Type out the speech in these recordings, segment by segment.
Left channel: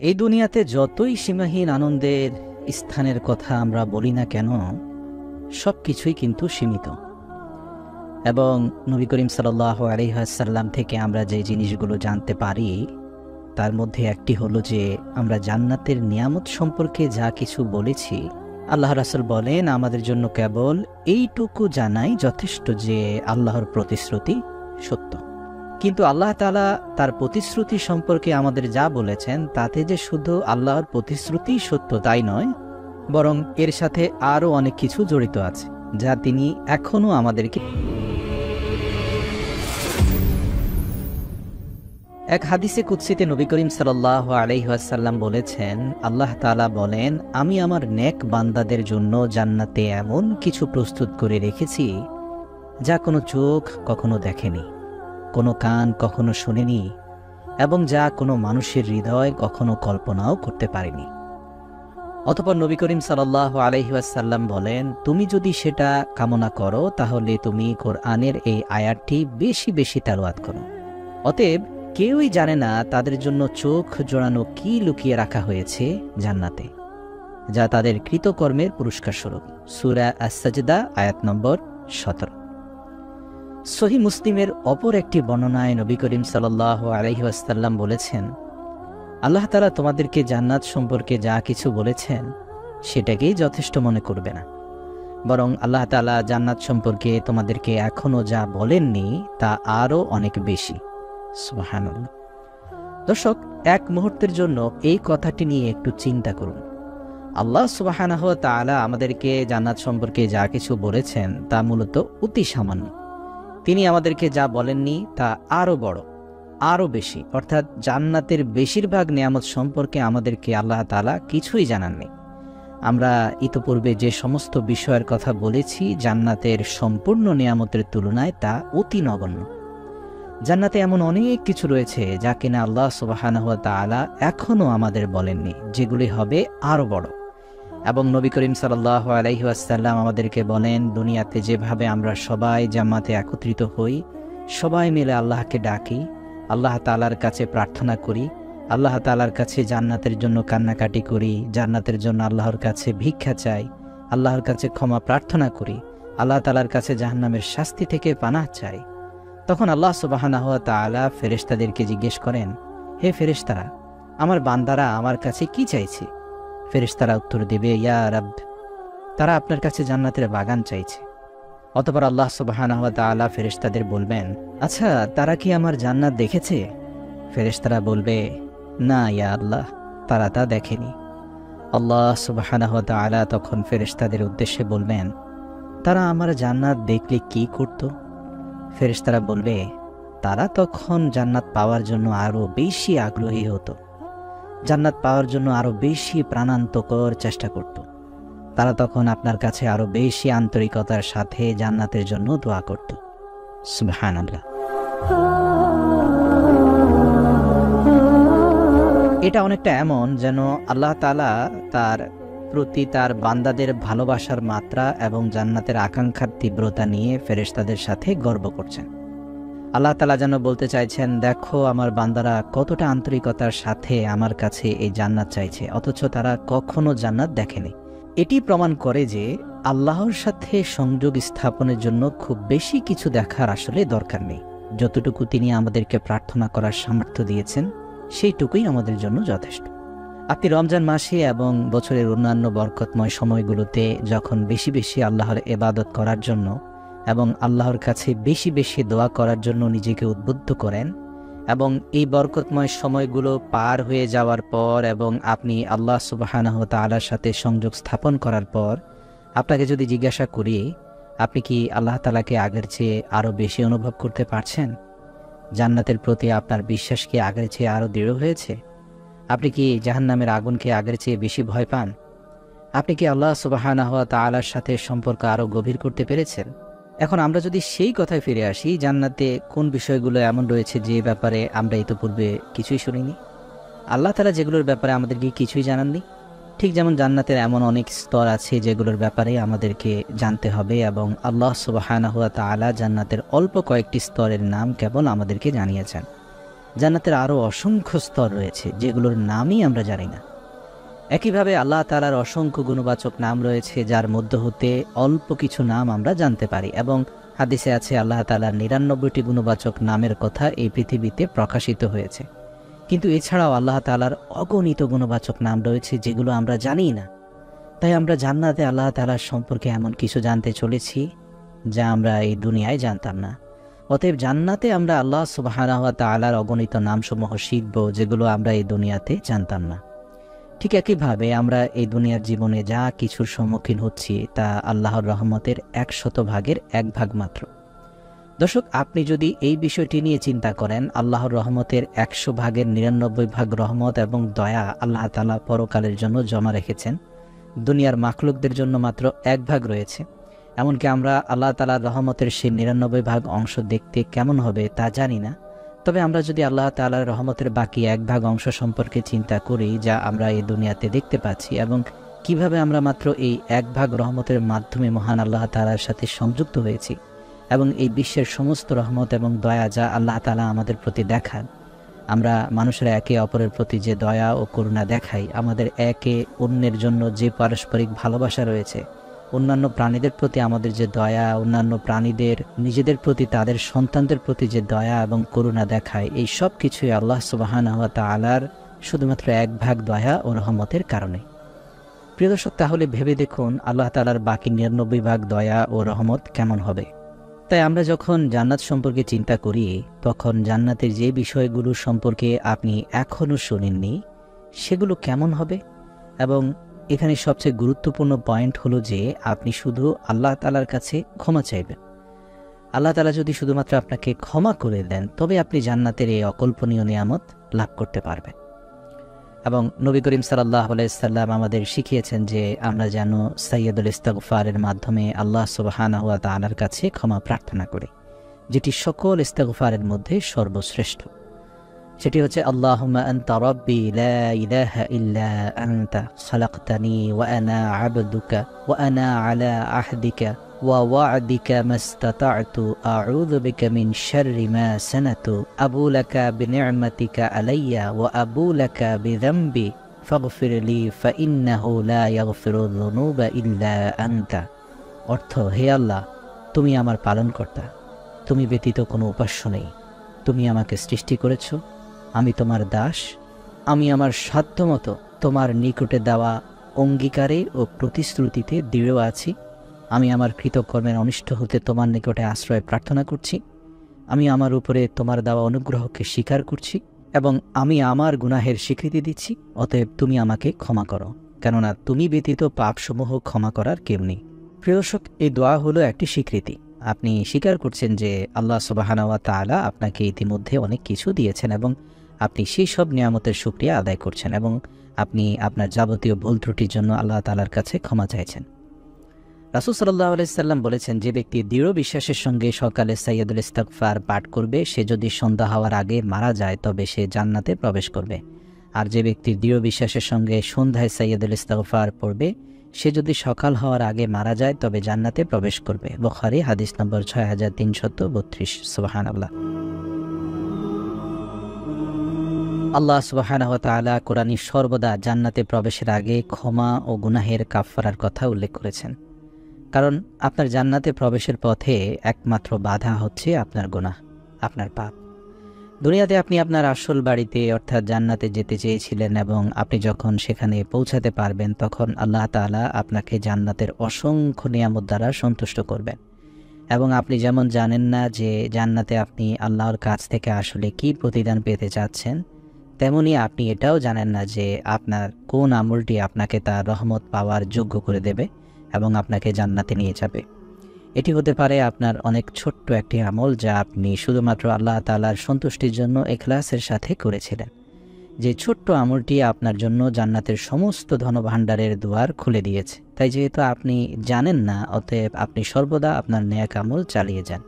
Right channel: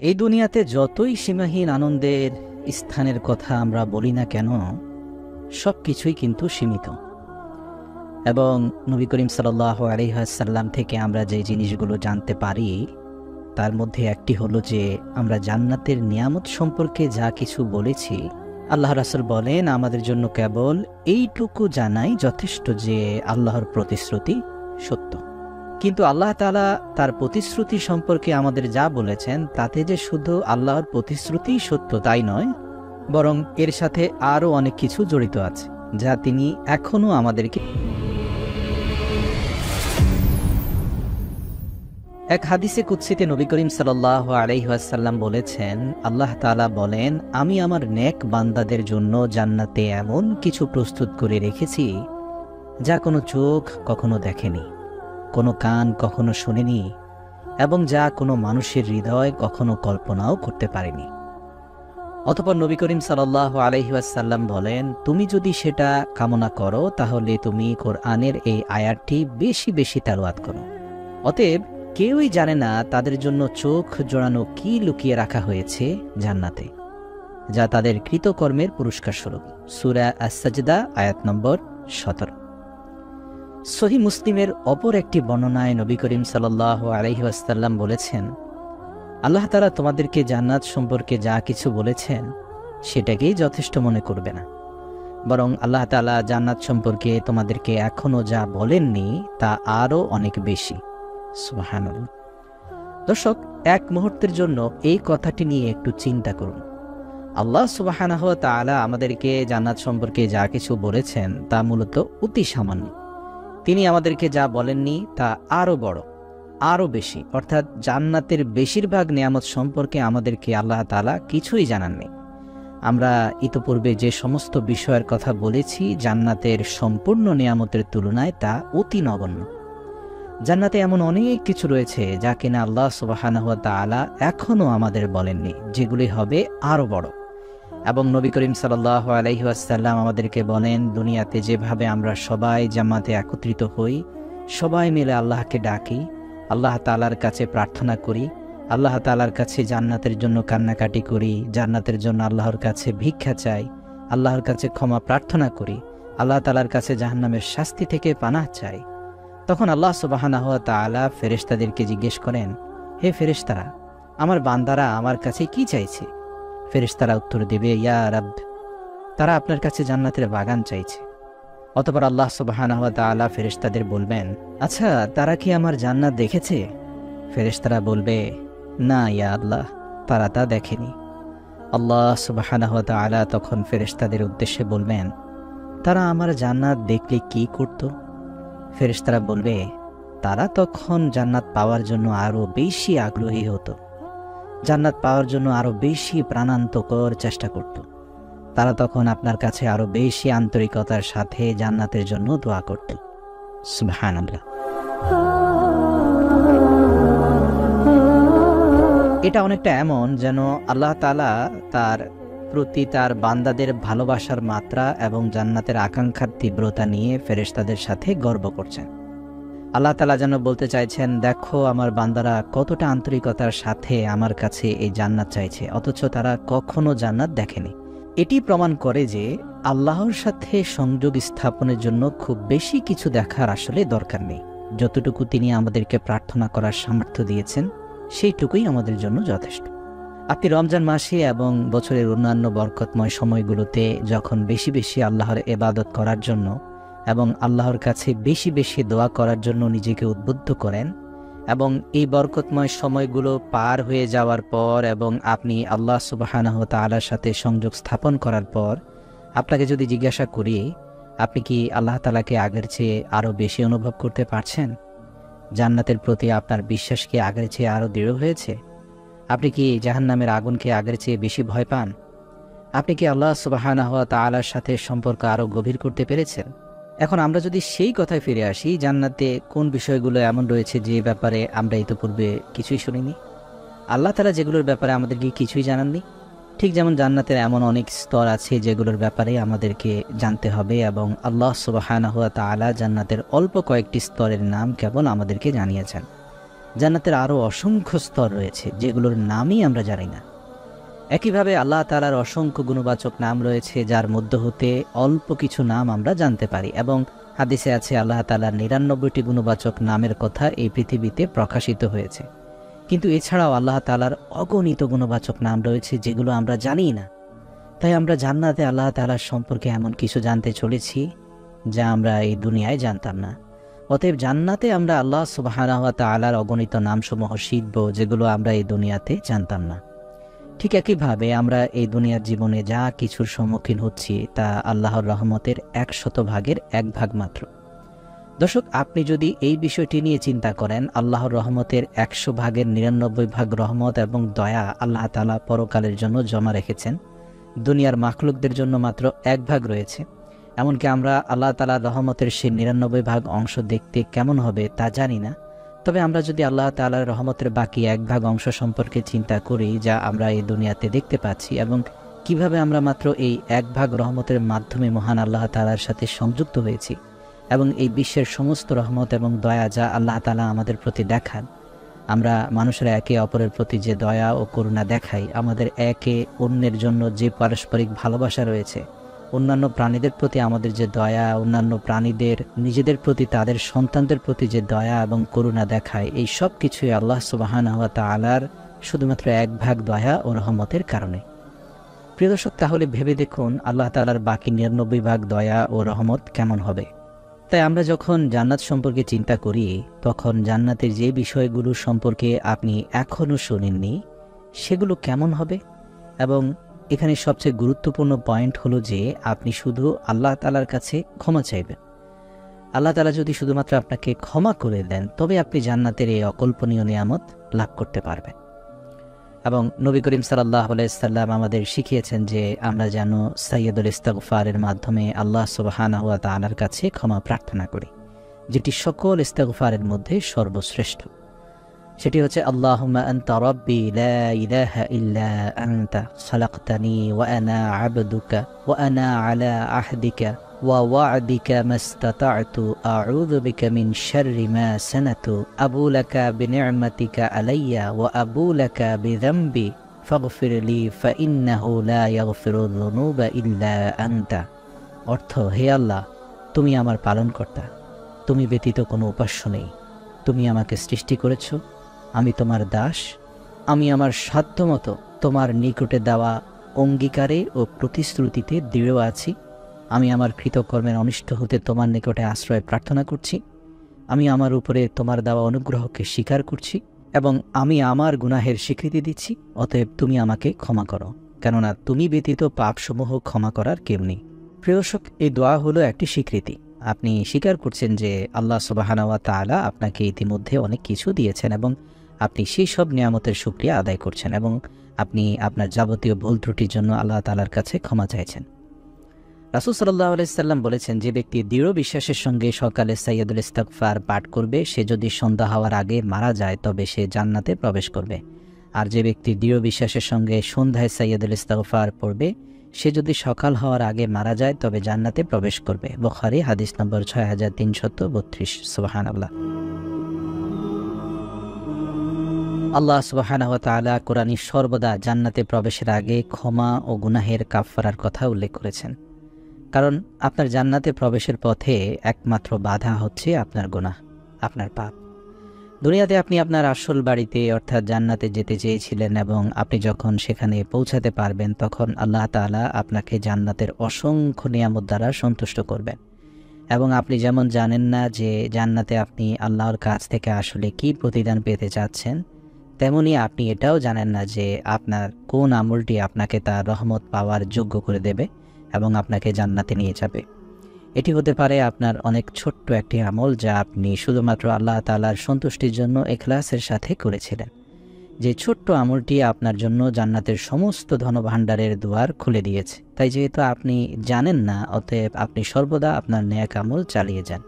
এই দুনিয়াতে যতই সীমাহীন আনন্দের স্থানের কথা আমরা বলি না কেন, সবকিছুই কিন্তু সীমিত। এবং নবী করিম সাল্লাল্লাহু আলাইহি ওয়াসাল্লাম থেকে আমরা যে জিনিসগুলো জানতে পারি তার মধ্যে একটি হলো যে আমরা জান্নাতের নিয়ামত সম্পর্কে যা কিছু বলেছি, আল্লাহ রাসূল বলেন আমাদের জন্য কেবল এইটুকু জানাই যথেষ্ট যে আল্লাহর প্রতিশ্রুতি সত্য। কিন্তু আল্লাহ তাআলা তার প্রতিশ্রুতি সম্পর্কে আমাদের যা বলেছেন তাতে যে শুধু আল্লাহর প্রতিশ্রুতি সত্য তাই নয়, বরং এর সাথে আরো অনেক কিছু জড়িত আছে যা তিনি এখনো আমাদেরকে। এক হাদিসে কুদসিতে নবী করিম সাল্লাল্লাহু আলাইহি ওয়াসাল্লাম বলেছেন, আল্লাহ তাআলা বলেন, আমি আমার নেক বান্দাদের জন্য জান্নাতে এমন কিছু প্রস্তুত করে রেখেছি যা কোনো চোখ কখনো দেখেনি, কোনো কান কখনো শোনেনি, এবং যা কোনো মানুষের হৃদয় কখনো কল্পনাও করতে পারেনি। অতঃপর নবী করিম সাল্লাল্লাহু আলাইহি ওয়াসাল্লাম বলেন, তুমি যদি সেটা কামনা করো তাহলে তুমি কোরআনের এই আয়াতটি বেশি বেশি তেলাওয়াত করো। অতএব কেউই জানে না তাদের জন্য চোখ জোড়ানো কি লুকিয়ে রাখা হয়েছে জান্নাতে, যা তাদের কৃতকর্মের পুরস্কার স্বরূপ। সূরা আস-সাজদা আয়াত নম্বর 17। সহিহ মুসলিমের অপর একটি বর্ণনায় নবী করিম সাল্লাল্লাহু আলাইহি ওয়াসাল্লাম বলেছেন, আল্লাহ তাআলা তোমাদেরকে জান্নাত সম্পর্কে যা কিছু বলেছেন সেটাকেই যথেষ্ট মনে করবে না, বরং আল্লাহ তাআলা জান্নাত সম্পর্কে তোমাদেরকে এখনো যা বলেননি তা আরো অনেক বেশি। সুবহানাল্লাহ। দর্শক, এক মুহূর্তের জন্য এই কথাটি নিয়ে একটু চিন্তা করুন। আল্লাহ সুবহানাহু ওয়া তাআলা আমাদেরকে জান্নাত সম্পর্কে যা কিছু বলেছেন তা মূলত অতি সামান্য। তিনি আমাদেরকে যা বলেননি তা আরো বড়, আরো বেশি, অর্থাৎ জান্নাতের বেশিরভাগ নিয়ামত সম্পর্কে আমাদেরকে আল্লাহ তাআলা কিছুই জানাননি। আমরা ইতিপূর্বে যে সমস্ত বিষয়ের কথা বলেছি জান্নাতের সম্পূর্ণ নিয়ামতের তুলনায় তা অতি নগণ্য। জান্নাতে এমন অনেক কিছু রয়েছে যা কিনা আল্লাহ সুবহানাহু ওয়া তাআলা এখনো আমাদের বলেননি, যেগুলি হবে আরো বড়। এবং নবী করিম সাল্লাল্লাহু আলাইহি ওয়াসাল্লাম আমাদেরকে বলেন, দুনিয়াতে যেভাবে আমরা সবাই জামাতে একত্রিত হই, সবাই মিলে আল্লাহকে ডাকি, আল্লাহ তাআলার কাছে প্রার্থনা করি, আল্লাহ তাআলার কাছে জান্নাতের জন্য কান্নাকাটি করি, জান্নাতের জন্য আল্লাহর কাছে ভিক্ষা চাই, আল্লাহর কাছে ক্ষমা প্রার্থনা করি, আল্লাহ তাআলার কাছে জাহান্নামের শাস্তি থেকে পানাহ চাই, তখন আল্লাহ সুবহানাহু ওয়া তাআলা ফেরেশতাদেরকে জিজ্ঞেস করেন, হে ফেরেশতারা, আমার বান্দারা আমার কাছে কি চাইছে? ফেরেশতারা উত্তর দেবে, ইয়া রাব, তারা আপনার কাছে জান্নাতের বাগান চাইছে। অতঃপর আল্লাহ সুবহানাহু ওয়া তাআলা ফেরেশতাদের বলবেন, আচ্ছা তারা কি আমার জান্নাত দেখেছে? ফেরেশতারা বলবে, না ইয়া আল্লাহ, তারা তা দেখেনি। আল্লাহ সুবহানাহু ওয়া তাআলা তখন ফেরেশতাদের উদ্দেশ্যে বলবেন, তারা আমার জান্নাত দেখলে কি করত? ফেরেশতারা বলবে, তারা তখন জান্নাত পাওয়ার জন্য আরো বেশি আগ্রহী হতো, জান্নাত পাওয়ার জন্য আরো বেশি প্রাণান্তকর চেষ্টা করত। তারা তখন আপনার কাছে আরো বেশি আন্তরিকতার সাথে জান্নাতের জন্য দোয়া করত। সুবহানাল্লাহ। এটা অনেকটা এমন যেন আল্লাহ তাআলা তার প্রতি তার বান্দাদের ভালোবাসার মাত্রা এবং জান্নাতের আকাঙ্ক্ষার তীব্রতা নিয়ে ফেরেশতাদের সাথে গর্ব করছেন। আল্লাহ তাআলা যেন বলতে চাইছেন, দেখো আমার বান্দারা কতটা আন্তরিকতার সাথে আমার কাছে এই জান্নাত চাইছে, অথচ তারা কখনো জান্নাত দেখেনি। এটি প্রমাণ করে যে আল্লাহর সাথে সংযোগ স্থাপনের জন্য খুব বেশি কিছু দেখার আসলে দরকার নেই। যতটুকু তিনি আমাদেরকে প্রার্থনা করার সামর্থ্য দিয়েছেন সেইটুকুই আমাদের জন্য যথেষ্ট। আপনি রমজান মাসে এবং বছরের অন্যান্য বরকতময় সময়গুলোতে যখন বেশি বেশি আল্লাহর ইবাদত করার জন্য এবং আল্লাহর কাছে বেশি বেশি দোয়া করার জন্য নিজেকে উদ্বুদ্ধ করেন, এবং এই বরকতময় সময়গুলো পার হয়ে যাওয়ার পর এবং আপনি আল্লাহ সুবহানাহু ওয়া তাআলার সাথে সংযোগ স্থাপন করার পর আপনাকে যদি জিজ্ঞাসা করি, আপনি কি আল্লাহ তাআলাকে আগের চেয়ে আরো বেশি অনুভব করতে পারছেন? জান্নাতের প্রতি আপনার বিশ্বাস কি আগের চেয়ে আরো দৃঢ় হয়েছে? আপনি কি জাহান্নামের আগুনকে আগের চেয়ে বেশি ভয় পান? আপনি কি আল্লাহ সুবহানাহু ওয়া তাআলার সাথে সম্পর্ক আরো গভীর করতে পেরেছেন? এখন আমরা যদি সেই কথায় ফিরে আসি, জান্নাতে কোন বিষয়গুলো এমন রয়েছে যে ব্যাপারে আমরা ইতিপূর্বে কিছুই শুনিনি? আল্লাহ তাআলা যেগুলোর ব্যাপারে আমাদেরকে কিছুই জানাননি, ঠিক যেমন জান্নাতের এমন অনেক স্তর আছে যেগুলোর ব্যাপারে আমাদেরকে জানতে হবে, এবং আল্লাহ সুবহানাহু ওয়া তাআলা জান্নাতের অল্প কয়েকটি স্তরের নাম কেবল আমাদেরকে জানিয়েছেন। জান্নাতের আরো অসংখ্য স্তর রয়েছে যেগুলোর নামই আমরা জানি না। একইভাবে আল্লাহ তাআলার অসংখ্য গুণবাচক নাম রয়েছে যার মধ্য হতে অল্প কিছু নাম আমরা জানতে পারি, এবং হাদিসে আছে আল্লাহ তাআলার ৯৯টি গুণবাচক নামের কথা এই পৃথিবীতে প্রকাশিত হয়েছে। কিন্তু এছাড়াও আল্লাহ তাআলার অগণিত গুণবাচক নাম রয়েছে যেগুলো আমরা জানি না। তাই আমরা জান্নাতে আল্লাহ তাআলার সম্পর্কে এমন কিছু জানতে চলেছি যা আমরা এই দুনিয়ায় জানতাম না। অতএব জান্নাতে আমরা আল্লাহ সুবহানাহু ওয়া তাআলার অগণিত নামসমূহ শিখব যেগুলো আমরা এই দুনিয়াতে জানতাম না। ঠিক একইভাবে আমরা এই দুনিয়ার জীবনে যা কিছুর সম্মুখীন হচ্ছি তা আল্লাহর রহমতের ১০০ ভাগের ১ ভাগ মাত্র। দর্শক, আপনি যদি এই বিষয়টি নিয়ে চিন্তা করেন, আল্লাহর রহমতের ১০০ ভাগের ৯৯ ভাগ রহমত এবং দয়া আল্লাহ তাআলা পরকালের জন্য জমা রেখেছেন, দুনিয়ার মাখলুকদের জন্য মাত্র ১ ভাগ রয়েছে। এমনকি আমরা আল্লাহ তাআলার রহমতের সেই ৯৯ ভাগ অংশ দেখতে কেমন হবে তা জানি না। তবে আমরা যদি আল্লাহ তাআলার রহমতের বাকি ১ ভাগ অংশ সম্পর্কে চিন্তা করি যা আমরা এই দুনিয়াতে দেখতে পাচ্ছি, এবং কিভাবে আমরা মাত্র এই ১ ভাগ রহমতের মাধ্যমে মহান আল্লাহ তাআলার সাথে সংযুক্ত হয়েছি, এবং এই বিশ্বের সমস্ত রহমত এবং দয়া যা আল্লাহ তাআলা আমাদের প্রতি দেখান, আমরা মানুষেরা একে অপরের প্রতি যে দয়া ও করুণা দেখাই, আমাদের একে অন্যের জন্য যে পারস্পরিক ভালোবাসা রয়েছে, অন্যান্য প্রাণীদের প্রতি আমাদের যে দয়া, অন্যান্য প্রাণীদের নিজেদের প্রতি তাদের সন্তানদের প্রতি যে দয়া এবং করুণা দেখায়, এই সব কিছুই আল্লাহ সুবহানাহু ওয়া তাআলার শুধুমাত্র ১ ভাগ দয়া ও রহমতের কারণে। প্রিয় দর্শক, তাহলে ভেবে দেখুন আল্লাহ তাআলার বাকি ৯৯ ভাগ দয়া ও রহমত কেমন হবে। তাই আমরা যখন জান্নাত সম্পর্কে চিন্তা করি তখন জান্নাতের যে বিষয়গুলো সম্পর্কে আপনি এখনো শুনেননি সেগুলো কেমন হবে, এবং এখানে সবচেয়ে গুরুত্বপূর্ণ পয়েন্ট হলো যে আপনি শুধু আল্লাহ তাআলার কাছে ক্ষমা চাইবেন। আল্লাহ তাআলা যদি শুধুমাত্র আপনাকে ক্ষমা করে দেন তবে আপনি জান্নাতের এই অকল্পনীয় নিয়ামত লাভ করতে পারবেন। এবং নবী করিম সাল্লাল্লাহু আলাইহি ওয়াসাল্লাম আমাদের শিখিয়েছেন যে আমরা যেন সাইয়্যিদুল ইস্তিগফারের মাধ্যমে আল্লাহ সুবহানাহু ওয়া তাআলার কাছে ক্ষমা প্রার্থনা করি, যেটি সকল ইস্তিগফারের মধ্যে সর্বশ্রেষ্ঠ। সেটি হচ্ছে আল্লাহুম্মা আনতা রাব্বি লা ইলাহা ইল্লা আনতা খালাকতানি ওয়া আনা আবদুকা ওয়া আনা আলা আহদিকা ওয়া ওয়া'দিকা মাস্তাতা'তু আউযু বিকা মিন শাররি মা সানাতু আবু লাকা বিনি'মাতিকা আলাইয়া ওয়া আবু লাকা বিযামবি ফাগফির লি ফাইন্নাহু লা ইয়াগফিরুয যুনুবা ইল্লা আনতা। অর্থ, হে আল্লাহ, তুমি আমার পালনকর্তা, তুমি ব্যতীত কোনো উপাস্য নেই, তুমি আমাকে সৃষ্টি করেছো, আমি তোমার দাস, আমি আমার সাধ্যমতো তোমার নিকটে দেওয়া অঙ্গীকারে ও প্রতিশ্রুতিতে দৃঢ় আছি। আমি আমার কৃতকর্মের অনিষ্ট হতে তোমার নিকটে আশ্রয় প্রার্থনা করছি। আমি আমার উপরে তোমার দেওয়া অনুগ্রহকে স্বীকার করছি এবং আমি আমার গুনাহের স্বীকৃতি দিচ্ছি। অতএব তুমি আমাকে ক্ষমা করো, কেননা তুমি ব্যতীত পাপসমূহ ক্ষমা করার কেউ নেই। প্রিয় দর্শক, এই দোয়া হলো একটি স্বীকৃতি। আপনি স্বীকার করছেন যে আল্লাহ সুবহানাহু ওয়া তাআলা আপনাকে ইতিমধ্যে অনেক কিছু দিয়েছেন এবং আপনি সেই সব নিয়ামতের শুকরিয়া আদায় করছেন, এবং আপনি আপনার যাবতীয় ভুল ত্রুটির জন্য আল্লাহ তাআলার কাছে ক্ষমা চাইছেন। রাসূল সাল্লাল্লাহু আলাইহি সাল্লাম বলেছেন, যে ব্যক্তি দৃঢ় বিশ্বাসের সঙ্গে সকালে সাইয়্যিদুল ইস্তিগফার পাঠ করবে, সে যদি সন্ধ্যা হওয়ার আগে মারা যায় তবে সে জান্নাতে প্রবেশ করবে। আর যে ব্যক্তি দৃঢ় বিশ্বাসের সঙ্গে সন্ধ্যায় সাইয়্যিদুল ইস্তিগফার পড়বে, সে যদি সকাল হওয়ার আগে মারা যায় তবে জান্নাতে প্রবেশ করবে। বুখারী হাদিস নম্বর 6332। সুবহানাল্লাহ। আল্লাহ সুবহানাহু ওয়া তাআলা কোরআনে সর্বদা জান্নাতে প্রবেশের আগে ক্ষমা ও গুনাহের কাফফারার কথা উল্লেখ করেছেন, কারণ আপনার জান্নাতে প্রবেশের পথে একমাত্র বাধা হচ্ছে আপনার গুনাহ, আপনার পাপ। দুনিয়াতে আপনি আপনার আসল বাড়িতে অর্থাৎ জান্নাতে যেতে চেয়েছিলেন, এবং আপনি যখন সেখানে পৌঁছাতে পারবেন তখন আল্লাহ তাআলা আপনাকে জান্নাতের অসংখ্য নিয়ামত দ্বারা সন্তুষ্ট করবেন। এবং আপনি যেমন জানেন না যে জান্নাতে আপনি আল্লাহর কাছ থেকে আসলে কি প্রতিদান পেতে চাচ্ছেন, তেমনি আপনি এটাও জানেন না যে আপনার কোন আমলটি আপনাকে তার রহমত পাওয়ার যোগ্য করে দেবে এবং আপনাকে জান্নাতে নিয়ে যাবে। এটি হতে পারে আপনার অনেক ছোট্ট একটি আমল যা আপনি শুধুমাত্র আল্লাহ তাআলার সন্তুষ্টির জন্য ইখলাসের সাথে করেছিলেন। যে ছোট্ট আমলটি আপনার জন্য জান্নাতের সমস্ত ধনভাণ্ডারের দুয়ার খুলে দিয়েছে। তাই যেহেতু আপনি জানেন না, অতএব আপনি সর্বদা আপনার নেক আমল চালিয়ে যান।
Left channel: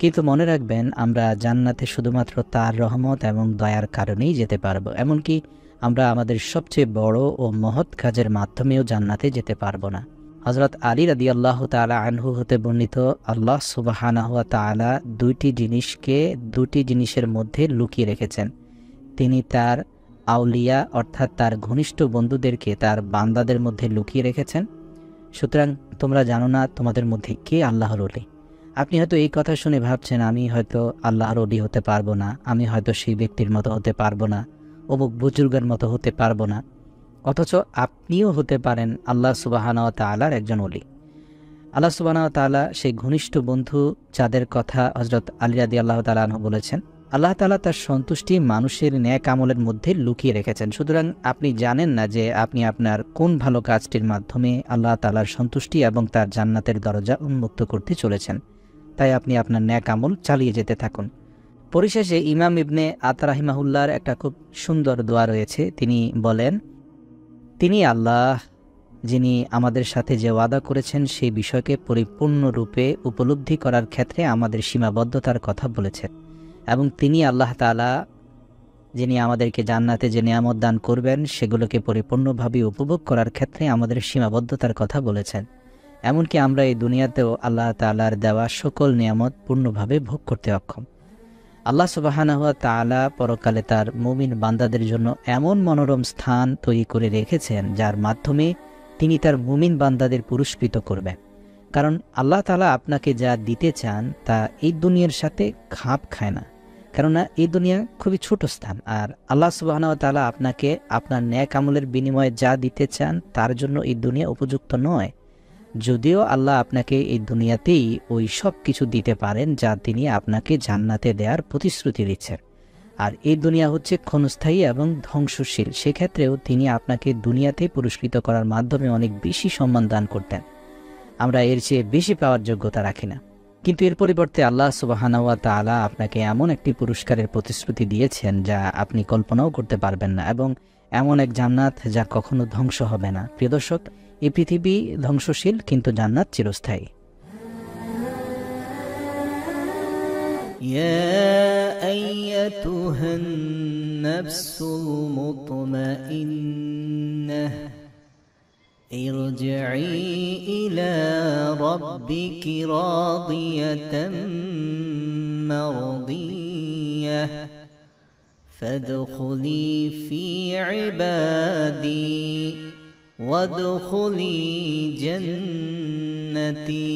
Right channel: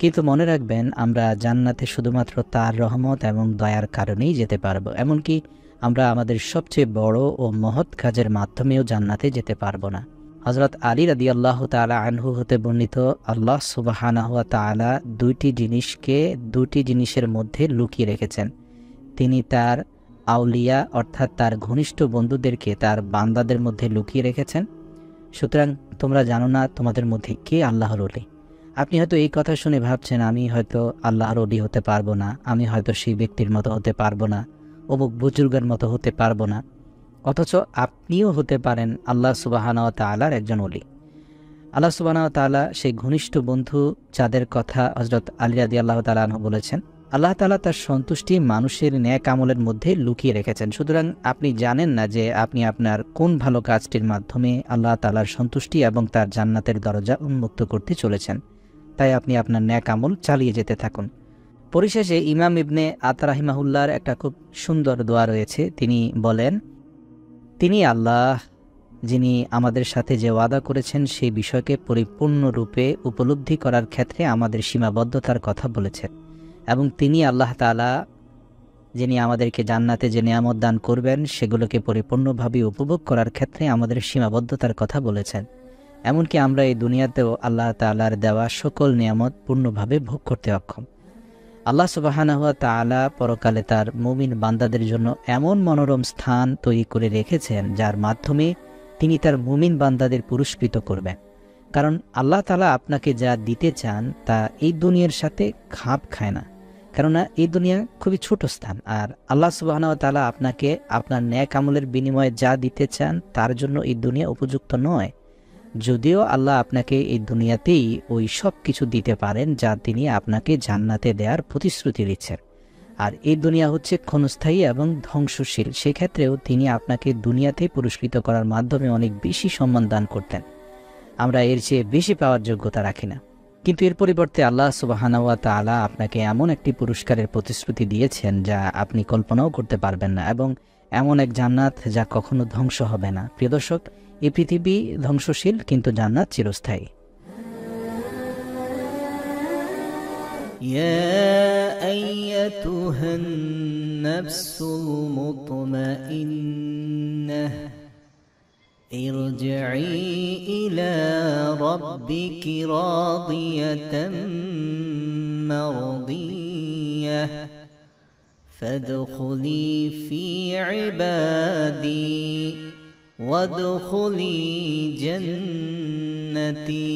কিন্তু মনে রাখবেন, আমরা জান্নাতে শুধুমাত্র তার রহমত এবং দয়ার কারণেই যেতে পারবো। এমনকি আমরা আমাদের সবচেয়ে বড় ও মহৎ কাজের মাধ্যমেও জান্নাতে যেতে পারবো না। হযরত আলী রাদিয়াল্লাহু তাআলা আনহু হতে বর্ণিত, আল্লাহ সুবহানাহু ওয়া তাআলা দুইটি জিনিসকে দুটি জিনিসের মধ্যে লুকিয়ে রেখেছেন। তিনি তার আউলিয়া অর্থাৎ তার ঘনিষ্ঠ বন্ধুদেরকে তার বান্দাদের মধ্যে লুকিয়ে রেখেছেন। সুতরাং তোমরা জানো না তোমাদের মধ্যে কে আল্লাহর ওলি। আপনি হয়তো এই কথা শুনে ভাবছেন আমি হয়তো আল্লাহর ওলি হতে পারবো না, আমি হয়তো সেই ব্যক্তির মতো হতে পারবো না, অমুক বুজুর্গের মতো হতে পারবো না। অথচ আপনিও হতে পারেন আল্লাহ সুবহানাহু ওয়া তাআলার একজন ওলি। আল্লাহ সুবহানাহু ওয়া তাআলা সেই ঘনিষ্ঠ বন্ধু যাদের কথা হযরত আলী রাদিয়াল্লাহু তাআলা আনহু বলেছেন, আল্লাহ তাআলা তার সন্তুষ্টি মানুষের ন্যাক আমলের মধ্যে লুকিয়ে রেখেছেন। সুতরাং আপনি জানেন না যে আপনি আপনার কোন ভালো কাজটির মাধ্যমে আল্লাহ তাআলার সন্তুষ্টি এবং তার জান্নাতের দরজা উন্মুক্ত করতে চলেছেন। তাই আপনি আপনার ন্যাক আমল চালিয়ে যেতে থাকুন। পরিশেষে ইমাম ইবনে আতা রাহিমাহুল্লাহর একটা খুব সুন্দর দোয়া রয়েছে। তিনি বলেন, তিনি আল্লাহ যিনি আমাদের সাথে যে ওয়াদা করেছেন সেই বিষয়কে পরিপূর্ণরূপে উপলব্ধি করার ক্ষেত্রে আমাদের সীমাবদ্ধতার কথা বলেছেন, এবং তিনি আল্লাহ তাআলা যিনি আমাদেরকে জান্নাতে যে নিয়ামত দান করবেন সেগুলোকে পরিপূর্ণভাবে উপভোগ করার ক্ষেত্রে আমাদের সীমাবদ্ধতার কথা বলেছেন। এমনকি আমরা এই দুনিয়াতেও আল্লাহ তাআলার দেওয়া সকল নিয়ামত পূর্ণভাবে ভোগ করতে অক্ষম। আল্লাহ সুবহানাহু ওয়া তাআলা পরকালে তার মুমিন বান্দাদের জন্য এমন মনোরম স্থান তৈরি করে রেখেছেন যার মাধ্যমে তিনি তার মুমিন বান্দাদের পুরস্কৃত করবেন। কারণ আল্লাহ তাআলা আপনাকে যা দিতে চান তা এই দুনিয়ার সাথে খাপ খায় না, কেননা এই দুনিয়া খুবই ছোট স্থান। আর আল্লাহ সুবহানাহু ওয়া তাআলা আপনাকে আপনার নেক আমলের বিনিময়ে যা দিতে চান তার জন্য এই দুনিয়া উপযুক্ত নয়। যদিও আল্লাহ আপনাকে এই দুনিয়াতেই ওই সব কিছু দিতে পারেন যা তিনি আপনাকে জান্নাতে দেওয়ার প্রতিশ্রুতি দিচ্ছেন, আর এই দুনিয়া হচ্ছে ক্ষণস্থায়ী এবং ধ্বংসশীল। সেক্ষেত্রেও তিনি আপনাকে দুনিয়াতেই পুরস্কৃত করার মাধ্যমে অনেক বেশি সম্মান দান করতেন। আমরা এর চেয়ে বেশি পাওয়ার যোগ্যতা রাখি না, কিন্তু এর পরিবর্তে আল্লাহ সুবহানাহু ওয়া তাআলা আপনাকে এমন একটি পুরস্কারের প্রতিশ্রুতি দিয়েছেন যা আপনি কল্পনাও করতে পারবেন না, এবং এমন এক জান্নাত যা কখনো ধ্বংস হবে না। প্রিয় দর্শক, এই পৃথিবী ধ্বংসশীল কিন্তু জান্নাত চিরস্থায়ী। ইয়া আইয়াতুহান নাফসুল মুতমাইন্নাহ ইরজিই ইলা রাব্বিকি রাদিয়াতান মারদিয়াহ ফাদখুলি ফি ইবাদি وادخلي جنتي